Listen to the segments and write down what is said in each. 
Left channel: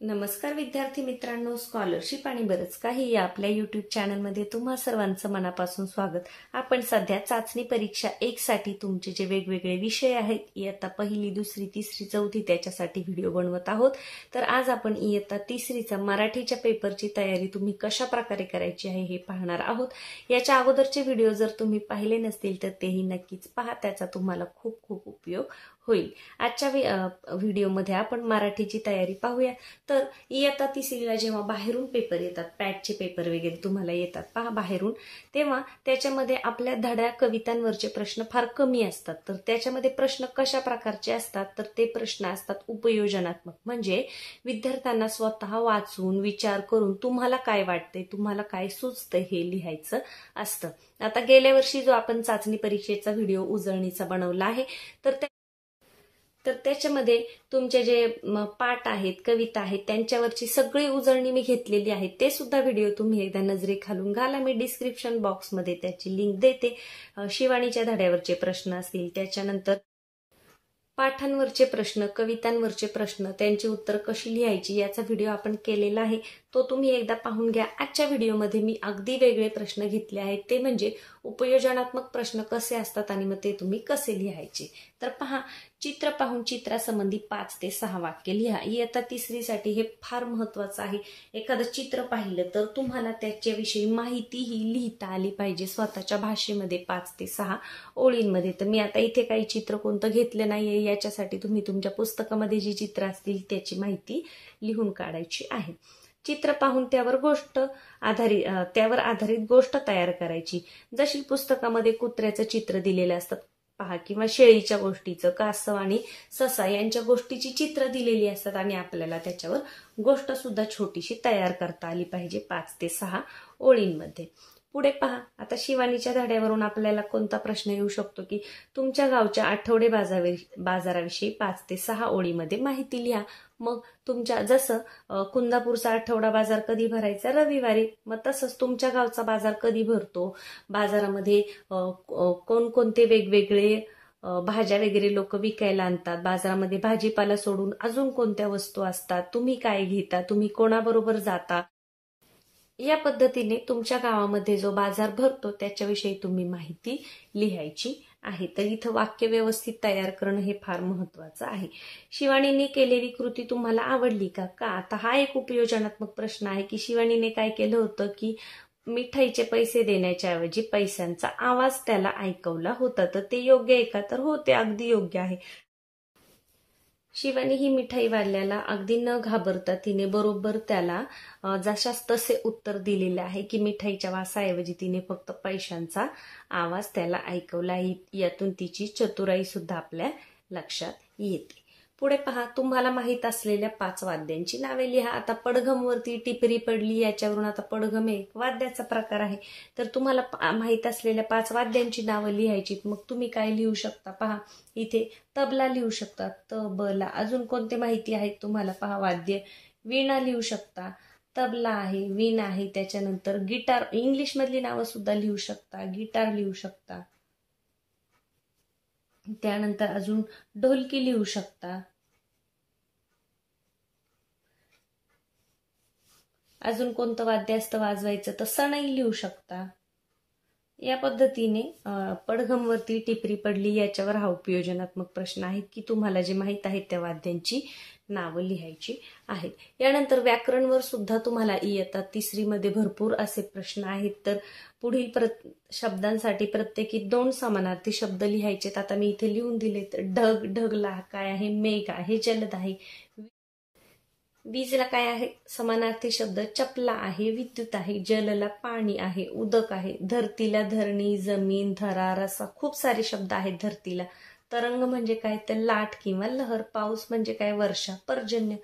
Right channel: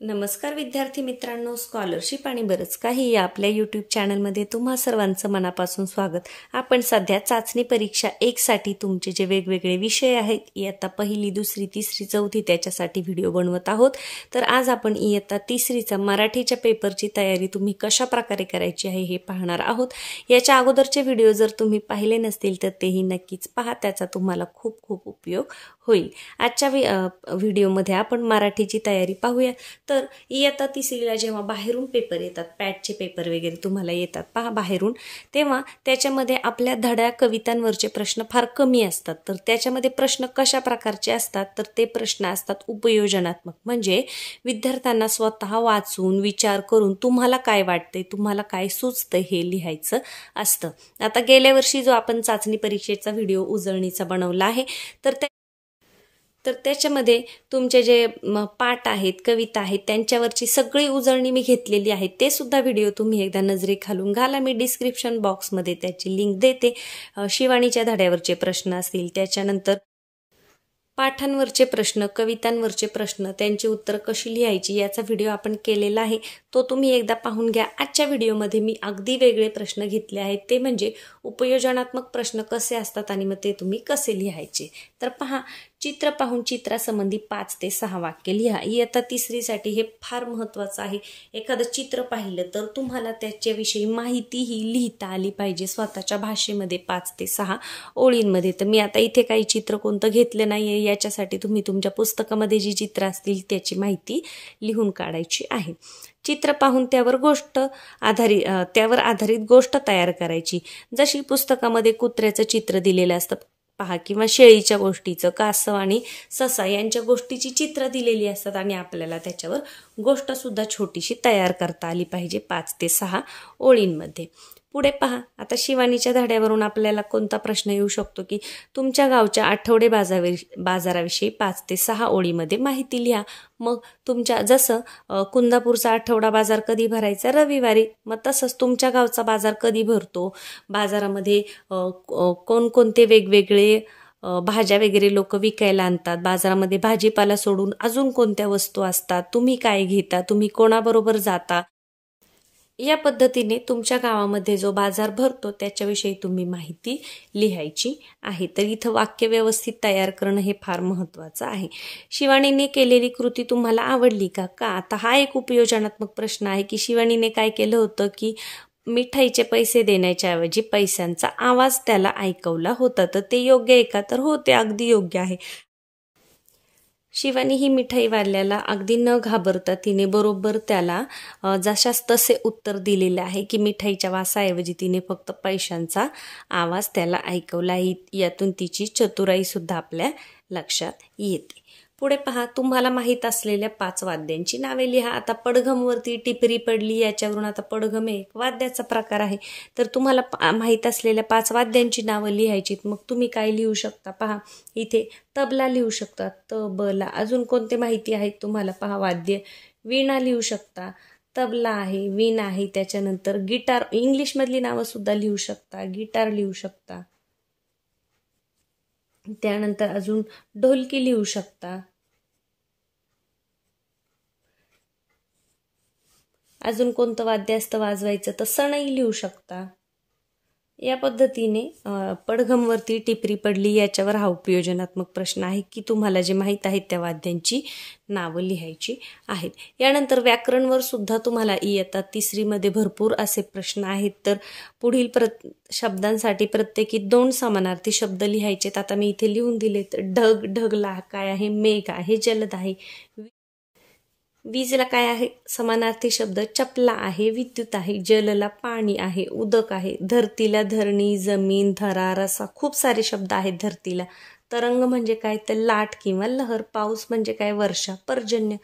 नमस्कार विद्यार्थी मित्रांनो, स्कॉलरशिप आणि बरंच काही या आपल्या यूट्यूब चॅनलमध्ये तुम्हा सर्वांचं मनापासून स्वागत. आपण सध्या चाचणी परीक्षा 1 साठी तुमचे जे वेगवेगळे विषय आहेत, इयत्ता पहिली, दुसरी, तिसरी, चौथी त्याच्यासाठी व्हिडिओ बनवत आहोत. तर आज आपण इयत्ता तिसरीचा मराठीच्या पेपरची तयारी तुम्ही कशा प्रकारे करायची आहे हे पाहणार आहोत. याच्या अगोदरचे व्हिडिओ जर तुम्ही पाहिले नसतील तर तेही नक्कीच पहा, त्याचा तुम्हाला खूप खूप उपयोग होईल. आजच्या व्हिडिओमध्ये आपण मराठीची तयारी पाहूया. तर इयत्ता तिसरीला जेव्हा बाहेरून पेपर येतात, पॅटचे पेपर वगैरे तुम्हाला येतात पहा बाहेरून, तेव्हा त्याच्यामध्ये आपल्या धड्या कवितांवरचे प्रश्न फार कमी असतात. तर त्याच्यामध्ये प्रश्न कशा प्रकारचे असतात, तर ते प्रश्न असतात उपयोजनात्मक, म्हणजे विद्यार्थ्यांना स्वतः वाचून विचार करून तुम्हाला काय वाटते, तुम्हाला काय सुचतं हे लिहायचं असतं. आता गेल्या वर्षी जो आपण चाचणी परीक्षेचा व्हिडिओ उजळणीचा बनवला आहे, तर त्याच्यामध्ये तुमचे जे पाठ आहेत, कविता आहेत, त्यांच्यावरची सगळी उजळणी मी घेतलेली आहे. ते सुद्धा व्हिडिओ तुम्ही एकदा नजरेखालून घाला. मी डिस्क्रिप्शन बॉक्समध्ये त्याची लिंक देते. शिवानीच्या धड्यावरचे प्रश्न असतील, त्याच्यानंतर पाठांवरचे प्रश्न, कवितांवरचे प्रश्न, त्यांची उत्तर कशी लिहायची याचा व्हिडिओ आपण केलेला आहे. तो तुम्ही एकदा पाहून घ्या. आजच्या व्हिडिओमध्ये मी अगदी वेगळे प्रश्न घेतले आहेत, ते म्हणजे उपयोजनात्मक प्रश्न कसे असतात आणि मग ते तुम्ही कसे लिहायचे. तर पहा, चित्र पाहून चित्रासंबंधी 5 ते 6 वाक्य लिहा. इयत्ता तिसरीसाठी हे फार महत्त्वाचं आहे. एखादं चित्र पाहिलं तर तुम्हाला त्याच्याविषयी माहितीही लिहिता आली पाहिजे स्वतःच्या भाषेमध्ये 5 ते 6 ओळींमध्ये. तर मी आता इथे काही चित्र कोणतं घेतलं नाहीये, याच्यासाठी तुम्ही तुमच्या पुस्तकामध्ये जी चित्र असतील त्याची माहिती लिहून काढायची आहे. चित्र पाहून त्यावर आधारित गोष्ट तयार करायची. जशी पुस्तकामध्ये कुत्र्याचं चित्र दिलेलं असतं पहा, किंवा शेळीच्या गोष्टीचं, कासव आणि ससा यांच्या गोष्टीची चित्र दिलेली असतात आणि आपल्याला त्याच्यावर गोष्ट सुद्धा छोटीशी तयार करता आली पाहिजे 5 ते 6 ओळींमध्ये. पुढे पहा, आता शिवानीच्या धड्यावरून आपल्याला कोणता प्रश्न येऊ शकतो की तुमच्या गावच्या आठवडे बाजाराविषयी 5 ते 6 ओळीमध्ये माहिती लिहा. मग तुमच्या जसं कुंदापूरचा आठवडा बाजार कधी भरायचा, रविवारी, मग तसंच तुमच्या गावचा बाजार कधी भरतो, बाजारामध्ये कोणकोणते वेगवेगळे भाज्या वगैरे लोक विकायला आणतात, बाजारामध्ये भाजीपाला सोडून अजून कोणत्या वस्तू असतात, तुम्ही काय घेता, तुम्ही कोणाबरोबर जाता, या पद्धतीने तुमच्या गावामध्ये जो बाजार भरतो त्याच्याविषयी तुम्ही माहिती लिहायची आहे. तर इथं वाक्य व्यवस्थित तयार करणं हे फार महत्त्वाचं आहे. शिवानीने केलेली कृती तुम्हाला आवडली का? आता हा एक उपयोजनात्मक प्रश्न आहे की शिवानीने काय केलं होतं की मिठाईचे पैसे देण्याच्या ऐवजी पैशांचा आवाज त्याला ऐकवला होता. तर ते योग्य आहे का? तर हो, ते अगदी योग्य आहे. शिवानी ही मिठाईवाल्याला अगदी न घाबरता तिने बरोबर त्याला जशास तसे उत्तर दिलेले आहे की मिठाईच्या वासाऐवजी तिने फक्त पैशांचा आवाज त्याला ऐकवला. यातून तिची चतुराई सुद्धा आपल्या लक्षात येते. पुढे पहा, तुम्हाला माहीत असलेल्या 5 वाद्यांची नावे लिहा. आता पडघमवरती टिपरी पडली, याच्यावरून आता पडघम एक वाद्याचा प्रकार आहे. तर तुम्हाला माहीत असलेल्या 5 वाद्यांची नावं लिहायची. मग तुम्ही काय लिहू शकता पहा, इथे तबला लिहू शकता, तबला. अजून कोणते माहिती आहेत तुम्हाला पहा, वाद्य, वीणा लिहू शकता, तबला आहे, वीणा आहे, त्याच्यानंतर गिटार, इंग्लिश मधली नावं सुद्धा लिहू शकता, गिटार लिहू शकता, त्यानंतर अजून ढोलकी लिहू शकता, अजून कोणतं वाद्य असतं वाजवायचं तर सनई लिहू शकता. या पद्धतीने पडघमवरती टिपरी पडली याच्यावर हा उपयोजनात्मक प्रश्न आहे की तुम्हाला जे माहीत आहेत त्या वाद्यांची नावं लिहायची आहेत. यानंतर व्याकरणवर सुद्धा तुम्हाला इयत्ता तिसरीमध्ये भरपूर असे प्रश्न आहेत. तर पुढील शब्दांसाठी प्रत्येकी 2 समानार्थी शब्द लिहायचे. आता मी इथे लिहून दिले. तर ढग, ढगला काय आहे, मेघ आहे, जलद आहे, वीजला काय आहे समानार्थी शब्द, चपला आहे, विद्युत आहे, जलला पाणी आहे, उदक आहे, धरतीला धरणी, जमीन, धरा, रसा, खूप सारे शब्द आहेत धरतीला. तरंग म्हणजे काय तर लाट किंवा लहर, पाऊस म्हणजे काय वर्षा, पर्जन्य,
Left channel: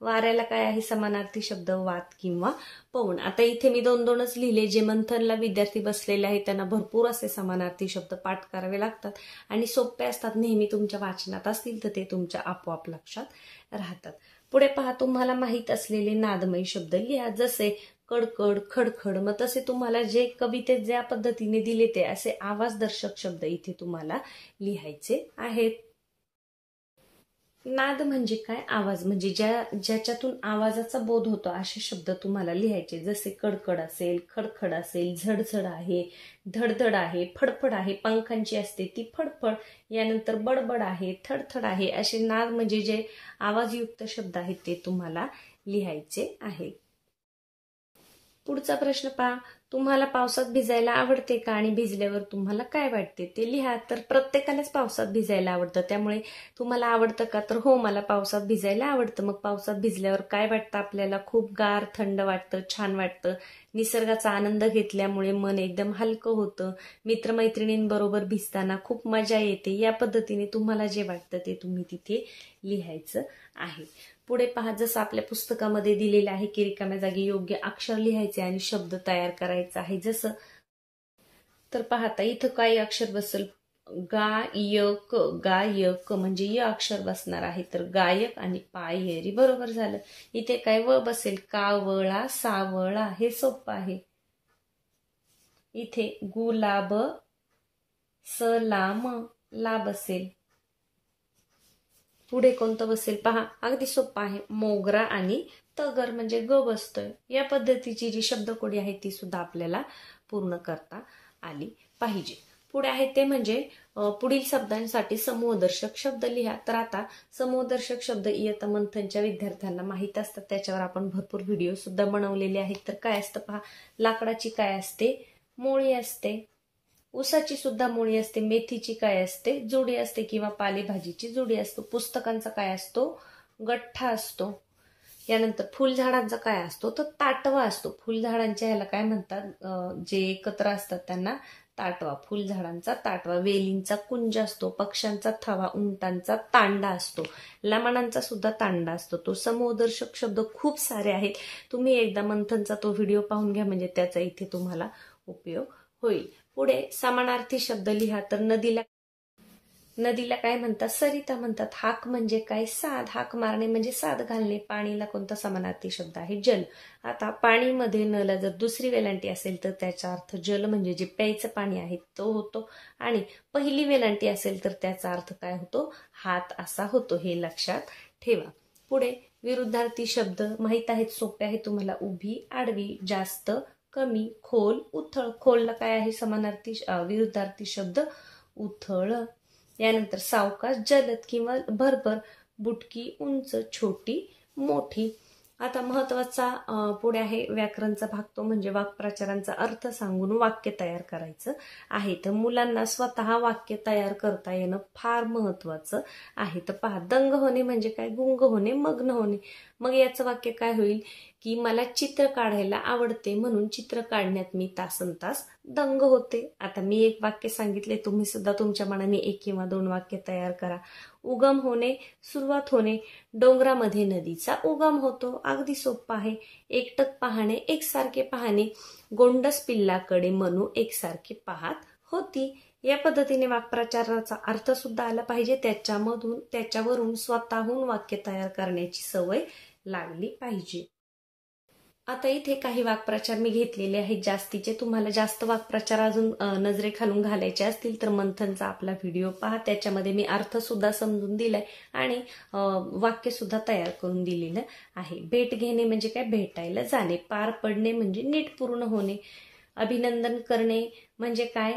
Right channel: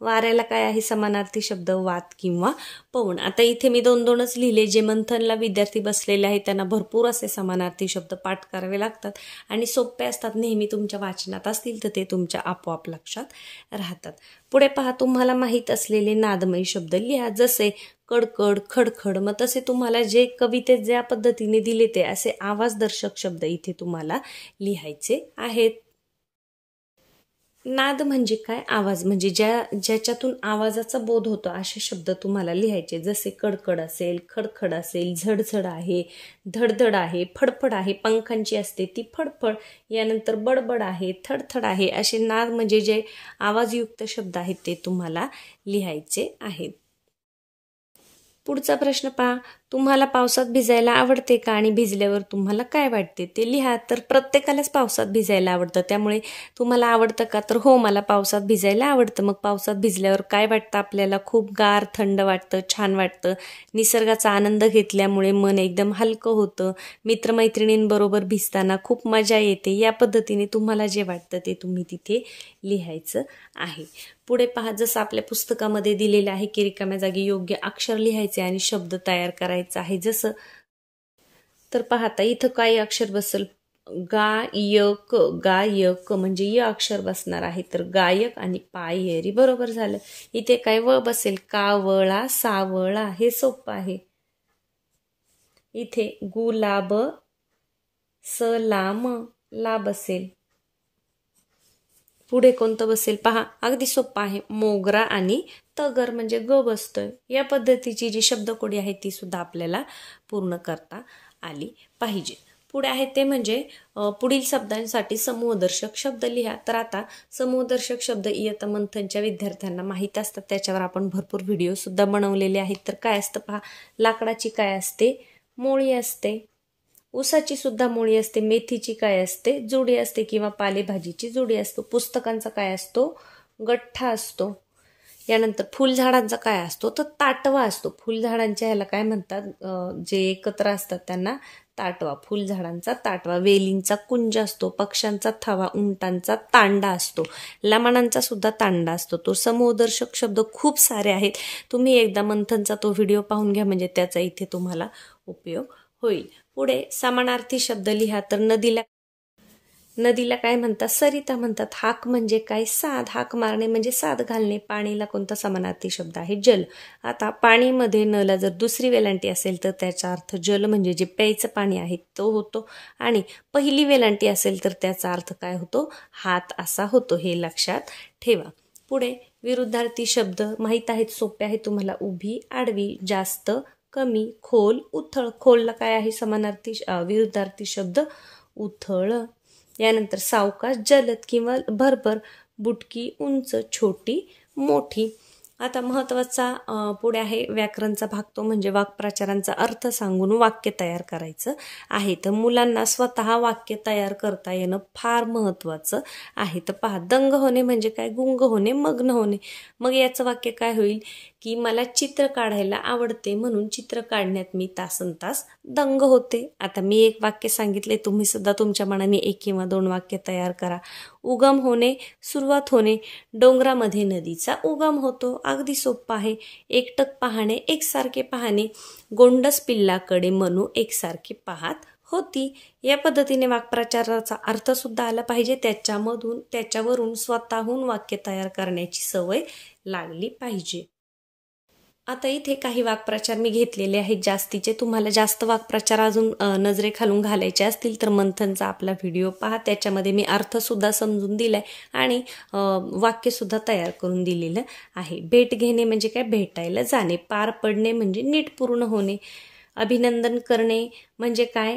वाऱ्याला काय आहे समानार्थी शब्द, वात किंवा पवन. आता इथे मी 2-2च लिहिले. जे मंथनला विद्यार्थी बसलेले आहेत त्यांना भरपूर असे समानार्थी शब्द पाठ करावे लागतात आणि सोपे असतात, नेहमी तुमच्या वाचनात असतील तर ते तुमच्या आपोआप लक्षात राहतात. पुढे पहा, तुम्हाला माहीत असलेले नादमयी शब्द लिहा. जसे कडकड, खडखड, मग तसे तुम्हाला जे कवितेत ज्या पद्धतीने दिले ते असे आवाजदर्शक शब्द इथे तुम्हाला लिहायचे आहेत. नाद म्हणजे काय? आवाज, म्हणजे ज्याच्यातून आवाजाचा बोध होतो असे शब्द तुम्हाला लिहायचे. जसे कडकड असेल, खडखड असेल, झडझड आहे, धडधड आहे, फडफड आहे, पंखांची असते ती फडफड, यानंतर बडबड आहे, थडथड आहे, असे नाद म्हणजे जे आवाजयुक्त शब्द आहेत ते तुम्हाला लिहायचे आहेत. पुढचा प्रश्न पहा, तुम्हाला पावसात भिजायला आवडते का आणि भिजल्यावर तुम्हाला काय वाटते ते लिहा. तर प्रत्येकालाच पावसात भिजायला आवडतं, त्यामुळे तुम्हाला आवडतं का? तर हो, मला पावसात भिजायला आवडतं. मग पावसात भिजल्यावर काय वाटतं आपल्याला? खूप गार थंड वाटतं, छान वाटतं. निसर्गाचा आनंद घेतल्यामुळे मन एकदम हलकं होतं. मित्रमैत्रिणींबरोबर भिजताना खूप मजा येते. या पद्धतीने तुम्हाला जे वाटतं ते तुम्ही तिथे लिहायचं आहे. पुढे पहा, जसं आपल्या पुस्तकामध्ये दिलेलं आहे की रिकाम्या जागी योग्य अक्षर लिहायचे आणि शब्द तयार करायचा आहे. जसं तर पाहता इथं काय अक्षर बसेल? गायक, गायक म्हणजे य अक्षर बसणार आहे. तर गायक आणि पायरी बरोबर झालं. इथे काय व बसेल? कावळा, सावळा, हे सोपं आहे. इथे गुलाब, सलाम, ला बसेल. पुढे कोणतं बसेल? पहा, अगदी सोपं आहे. मोगरा आणि तगर म्हणजे ग बसतोय. या पद्धतीची जी शब्दकोडी आहे ती सुद्धा आपल्याला पूर्ण करता आली पाहिजे. पुढे आहे ते म्हणजे पुढील शब्दांसाठी समूहदर्शक शब्द लिहा. तर आता समूहदर्शक शब्द इयत्ता मंथनच्या विद्यार्थ्यांना माहीत असतात, त्याच्यावर आपण भरपूर व्हिडिओ सुद्धा बनवलेले आहेत. तर काय असतं पहा, लाकडाची काय असते? मोळी असते. ऊसाची सुद्धा मोळी असते. मेथीची काय असते? जुडी असते किंवा पालेभाजीची जुडी असतो. पुस्तकांचा काय असतो? गठ्ठा असतो. यानंतर फुलझाडांचा काय असतो? तर ताटवा असतो. फुलझाडांच्या ह्याला काय म्हणतात? जे एकत्र असतात त्यांना ताटवा. फुलझाडांचा ताटवा. वेलींचा कुंज असतो. पक्ष्यांचा थवा, उंटांचा तांडा असतो. लमाणांचा सुद्धा तांडा असतो. तो समूहदर्शक शब्द खूप सारे आहेत. तुम्ही एकदा मंथनचा तो व्हिडिओ पाहून घ्या, म्हणजे त्याचा इथे तुम्हाला उपयोग होईल. पुढे समानार्थी शब्द लिहा. तर नदीला काय म्हणतात? सरिता म्हणतात. हाक म्हणजे काय? साद. हाक मारणे म्हणजे साद घालणे. पाणीला कोणता समानार्थी शब्द आहे? जल. आता पाणीमध्ये नला जर दुसरी वेलांटी असेल तर त्याचा अर्थ जल म्हणजे जे प्यायचं पाणी आहे तो होतो, आणि पहिली वेलांटी असेल तर त्याचा अर्थ काय होतो? हात असा होतो. हे लक्षात ठेवा. पुढे विरुद्धार्थी शब्द माहीत आहेत, सोपे आहेत तुम्हाला. उभी, आडवी, जास्त, कमी, खोल, उथळ. खोलला काय आहे समानार्थी विरुद्धार्थी शब्द? उथळ. यानंतर सावकाश, जलद किंवा भरभर, बुटकी, उंच, छोटी, मोठी. आता महत्वाचा पुढे आहे व्याकरणचा भाग, तो म्हणजे वाक्प्रचारांचा अर्थ सांगून वाक्य तयार करायचं आहे. तर मुलांना स्वतः वाक्य तयार करता येणं फार महत्वाचं आहे. तर पहा, दंग होणे म्हणजे काय? गुंग होणे, मग्न होणे. मग याचं वाक्य काय होईल? की मला चित्र काढायला आवडते म्हणून चित्र काढण्यात मी तासनतास दंग होते. आता मी एक वाक्य सांगितले, तुम्ही सुद्धा तुमच्या मनाने 1 किंवा 2 वाक्य तयार करा. उगम होणे, सुरुवात होणे. डोंगरामध्ये नदीचा उगम होतो. अगदी सोपं आहे. एकटक पाहणे, एकसारखे पाहणे. गोंडस पिल्लाकडे मनू एकसारखे पाहत होती. या पद्धतीने वाक्प्रचाराचा अर्थ सुद्धा आला पाहिजे. त्याच्यावरून स्वतःहून वाक्य तयार करण्याची सवय लागली पाहिजे. आता इथे काही वाक्प्रचार मी घेतलेले आहेत जास्तीचे. तुम्हाला जास्त वाक्प्रचार अजून नजरेखालून घालायचे असतील तर मंथनचा आपला व्हिडिओ पहा. त्याच्यामध्ये मी अर्थ सुद्धा समजून दिलाय आणि वाक्य सुद्धा तयार करून दिलेलं आहे. भेट घेणे म्हणजे काय? भेटायला जाणे. पार पडणे म्हणजे नीट पूर्ण होणे. अभिनंदन करणे म्हणजे काय?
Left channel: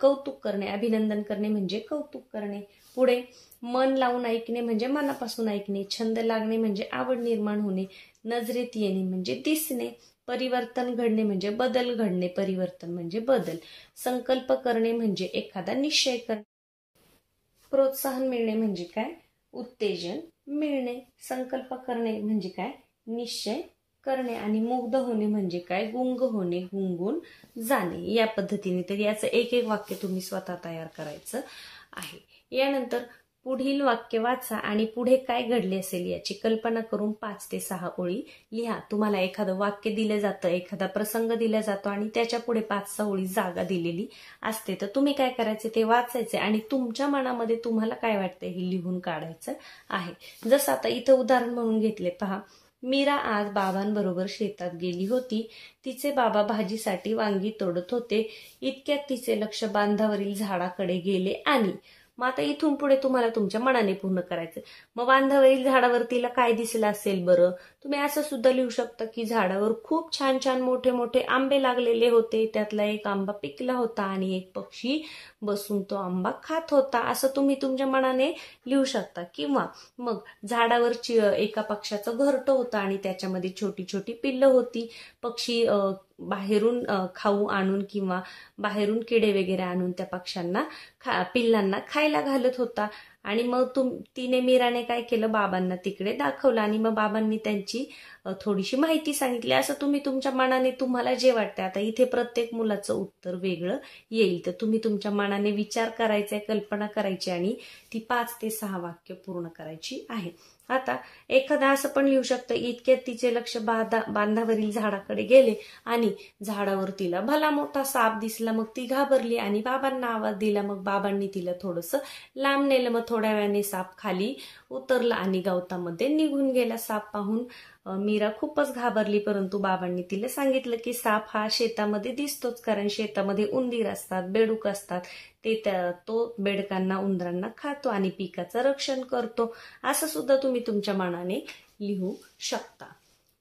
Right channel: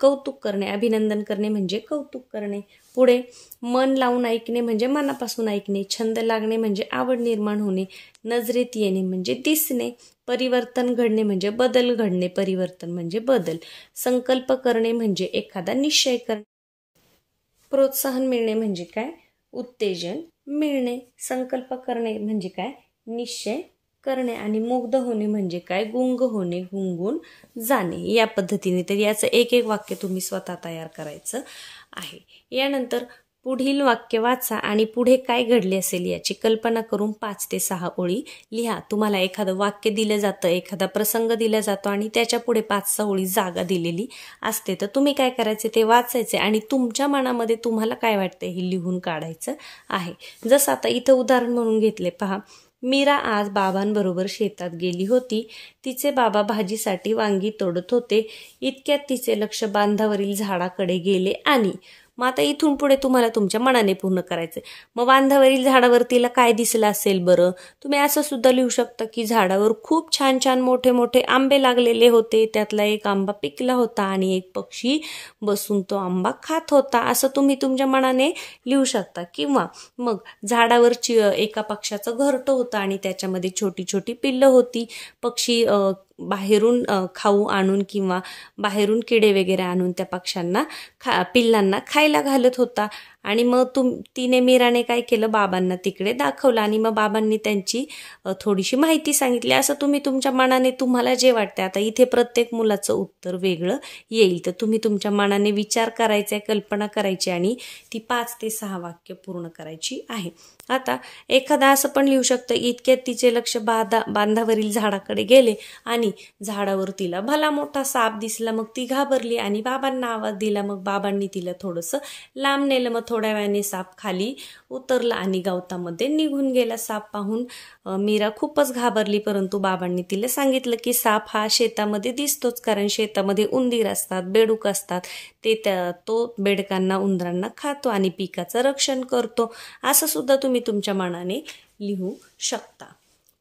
कौतुक करणे. अभिनंदन करणे म्हणजे कौतुक करणे. पुढे मन लावून ऐकणे म्हणजे मनापासून ऐकणे. छंद लागणे म्हणजे आवड निर्माण होणे. नजरेत येणे म्हणजे दिसणे. परिवर्तन घडणे म्हणजे बदल घडणे. परिवर्तन म्हणजे बदल. संकल्प करणे म्हणजे एखादा निश्चय करणे. प्रोत्साहन मिळणे म्हणजे काय? उत्तेजन मिळणे. संकल्प करणे म्हणजे काय? निश्चय करणे. आणि मुग्ध होणे म्हणजे काय? गुंग होणे, गुंगून जाणे. या पद्धतीने तर याचं एक वाक्य तुम्ही स्वतः तयार करायचं आहे. यानंतर पुढील वाक्य वाचा आणि पुढे काय घडले असेल याची कल्पना करून 5 ते 6 ओळी लिहा. तुम्हाला एखादं वाक्य दिलं जातं, एखादा प्रसंग दिला जातो आणि त्याच्या पुढे 5-6 ओळी जागा दिलेली असते. तर तुम्ही काय करायचे? ते वाचायचे आणि तुमच्या मनामध्ये तुम्हाला काय वाटतं हे लिहून काढायचं आहे. जसं आता इथं उदाहरण म्हणून घेतले पहा. मीरा आज बाबांबरोबर शेतात गेली होती. तिचे बाबा भाजीसाठी वांगी तोडत होते. इतक्यात तिचे लक्ष बांधावरील झाडाकडे गेले आणि मग आता इथून पुढे तुम्हाला तुमच्या मनाने पूर्ण करायचं. मग बांधावरील झाडावर तिला काय दिसलं असेल बरं? तुम्ही असं सुद्धा लिहू शकता की झाडावर खूप छान छान मोठे मोठे आंबे लागलेले होते, त्यातला एक आंबा पिकला होता आणि एक पक्षी बसून तो आंबा खात होता, असं तुम्ही तुमच्या मनाने लिहू शकता. किंवा मग झाडावर एका पक्ष्याचं घरटं होतं आणि त्याच्यामध्ये छोटी छोटी पिल्लं होती. पक्षी बाहेरून खाऊ आणून किंवा बाहेरून किडे वगैरे आणून त्या पक्ष्यांना पिल्लांना खायला घालत होता. आणि मग तिने मीराने काय केलं, बाबांना तिकडे दाखवलं आणि मग बाबांनी त्यांची थोडीशी माहिती सांगितली. असं तुम्ही तुमच्या मनाने तुम्हाला जे वाटते, आता इथे प्रत्येक मुलाचं उत्तर वेगळं येईल, तर तुम्ही तुमच्या मनाने विचार करायचा, कल्पना करायची आणि ती 5 ते 6 वाक्य पूर्ण करायची आहे. आता एखादा असं पण लिहू शकतं, इतक्यात तिचे लक्ष बांधावरील झाडाकडे गेले आणि झाडावर तिला भला मोठा साप दिसला. मग ती घाबरली आणि बाबांना आवाज दिला. मग बाबांनी तिला थोडंसं लांब नेलं. मग थोड्या वेळाने साप खाली उतरला आणि गवतामध्ये निघून गेला. साप पाहून मीरा खूपच घाबरली, परंतु बाबांनी तिला सांगितलं की साप हा शेतामध्ये दिसतोच, कारण शेतामध्ये उंदीर असतात, बेडूक असतात, तो बेडकांना उंदरांना खातो आणि पिकाचं रक्षण करतो. असं सुद्धा तुम्ही तुमच्या मनाने लिहू शकता.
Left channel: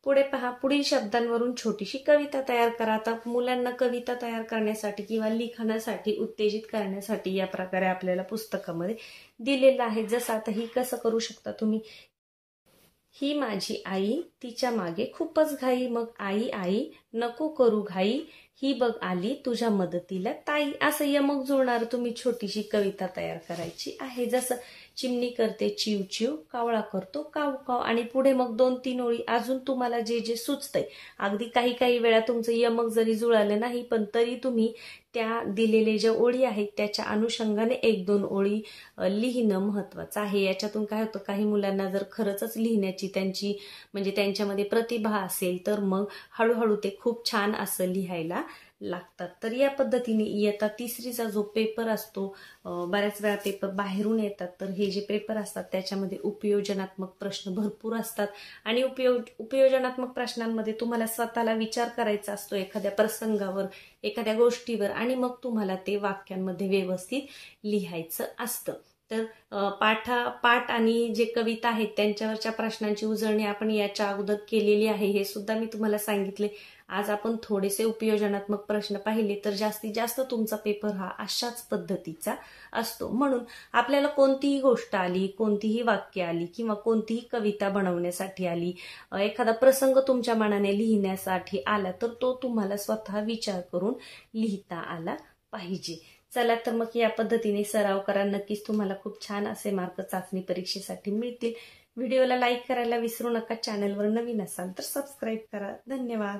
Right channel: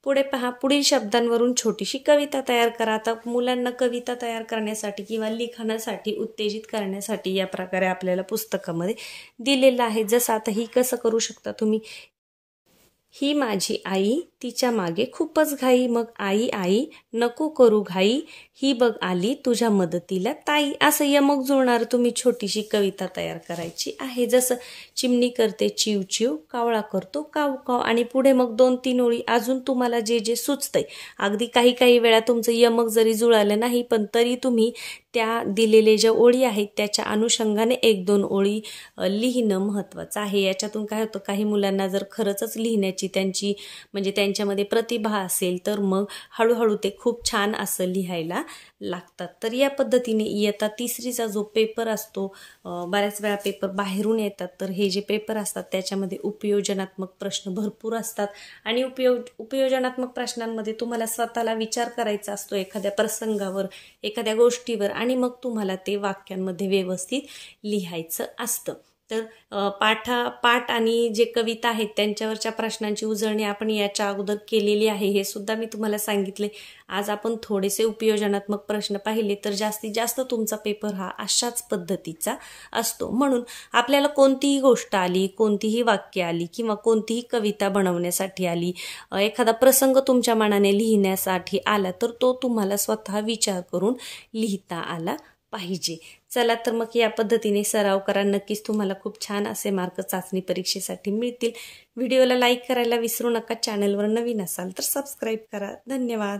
पुढे पहा, पुढील शब्दांवरून छोटीशी कविता तयार करा. आता मुलांना कविता तयार करण्यासाठी किंवा लिखाणासाठी उत्तेजित करण्यासाठी या प्रकारे आपल्याला पुस्तकामध्ये दिलेलं आहे. जसं आता ही कसं करू शकता तुम्ही, ही माझी आई, तिच्या मागे खूपच घाई. मग आई आई नको करू घाई, ही बघ आली तुझ्या मदतीला ताई. असं यमक जुळणार तुम्ही छोटीशी कविता तयार करायची आहे. जसं चिमणी करते चिव चिव, कावळा करतो काव काव, आणि पुढे मग 2-3 ओळी अजून तुम्हाला जे जे सुचतंय. अगदी काही वेळा तुमचं यमक जरी जुळालं नाही, पण तरी तुम्ही त्या दिलेले ज्या ओळी आहेत त्याच्या अनुषंगाने 1-2 ओळी लिहिणं महत्त्वाचं आहे. याच्यातून काय होतं, काही मुलांना जर खरंच लिहिण्याची म्हणजे त्यांच्यामध्ये प्रतिभा असेल तर मग हळूहळू ते खूप छान असं लिहायला लागतात. तर या पद्धतीने इयत्ता 3रीचा जो पेपर असतो, बऱ्याच वेळा पेपर बाहेरून येतात, तर हे जे पेपर असतात त्याच्यामध्ये उपयोजनात्मक प्रश्न भरपूर असतात आणि उपयोजनात्मक प्रश्नांमध्ये तुम्हाला स्वतःला विचार करायचा असतो एखाद्या प्रसंगावर, एखाद्या गोष्टीवर, आणि मग तुम्हाला ते वाक्यांमध्ये व्यवस्थित लिहायचं असतं. तर पाठ आणि जे कविता आहेत त्यांच्यावरच्या प्रश्नांची उजळणी आपण याच्या अगोदर केलेली आहे, हे सुद्धा मी तुम्हाला सांगितले. आज आपण थोडेसे उपयोजनात्मक प्रश्न पाहिले, तर जास्तीत जास्त तुमचा पेपर हा अशाच पद्धतीचा असतो. म्हणून आपल्याला कोणतीही गोष्ट आली, कोणतीही वाक्य आली किंवा कोणतीही कविता बनवण्यासाठी आली, एखादा प्रसंग तुमच्या मनाने लिहिण्यासाठी आला, तर तो तुम्हाला स्वतः विचार करून लिहिता आला पाहिजे. चला तर मग या पद्धतीने सराव करा. नक्कीच तुम्हाला खूप छान असे मार्क चाचणी परीक्षेसाठी मिळतील. व्हिडिओला लाईक करायला विसरू नका. चॅनलवर नवीन असाल तर सबस्क्राईब करा. धन्यवाद.